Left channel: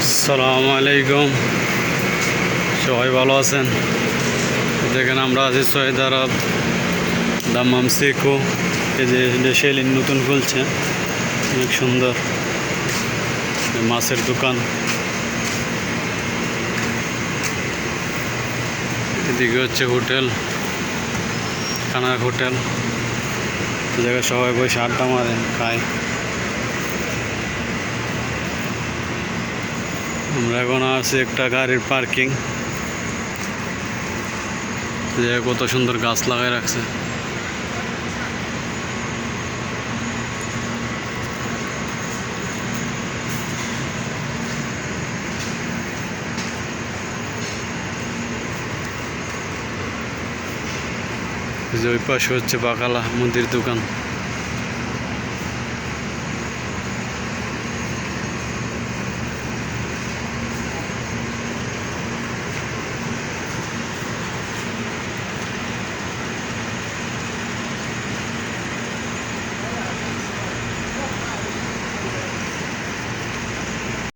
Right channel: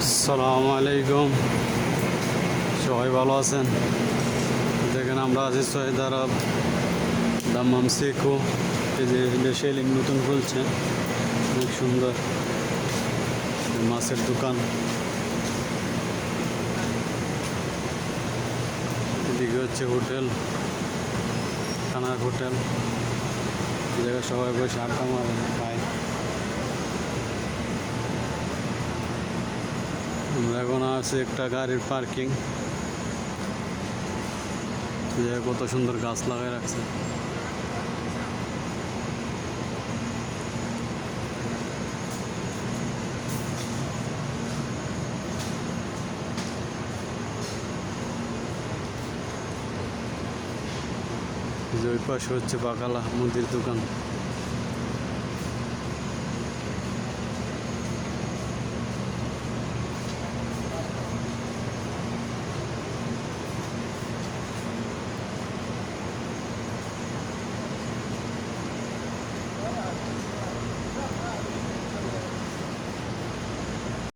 আসসালামু আলাইকুম, সবাই ভালো আছেন? দেখেন আমরা আছি সৈয়দ আরব দাম্মাম সেকো। এই যে সেলিন নতুন খুলছে, অনেক সুন্দর মাছের দোকান। এদিকে হচ্ছে হোটেল, খানার হোটেল, জায়গায় সবাই বসে আড্ডা মারে খায়। আমরা এখন আছি একটা গাড়ির পার্কিং, কত সুন্দর গাছ লাগাই রাখছে। ওই পাশে হচ্ছে বাকালা মুদির দোকান।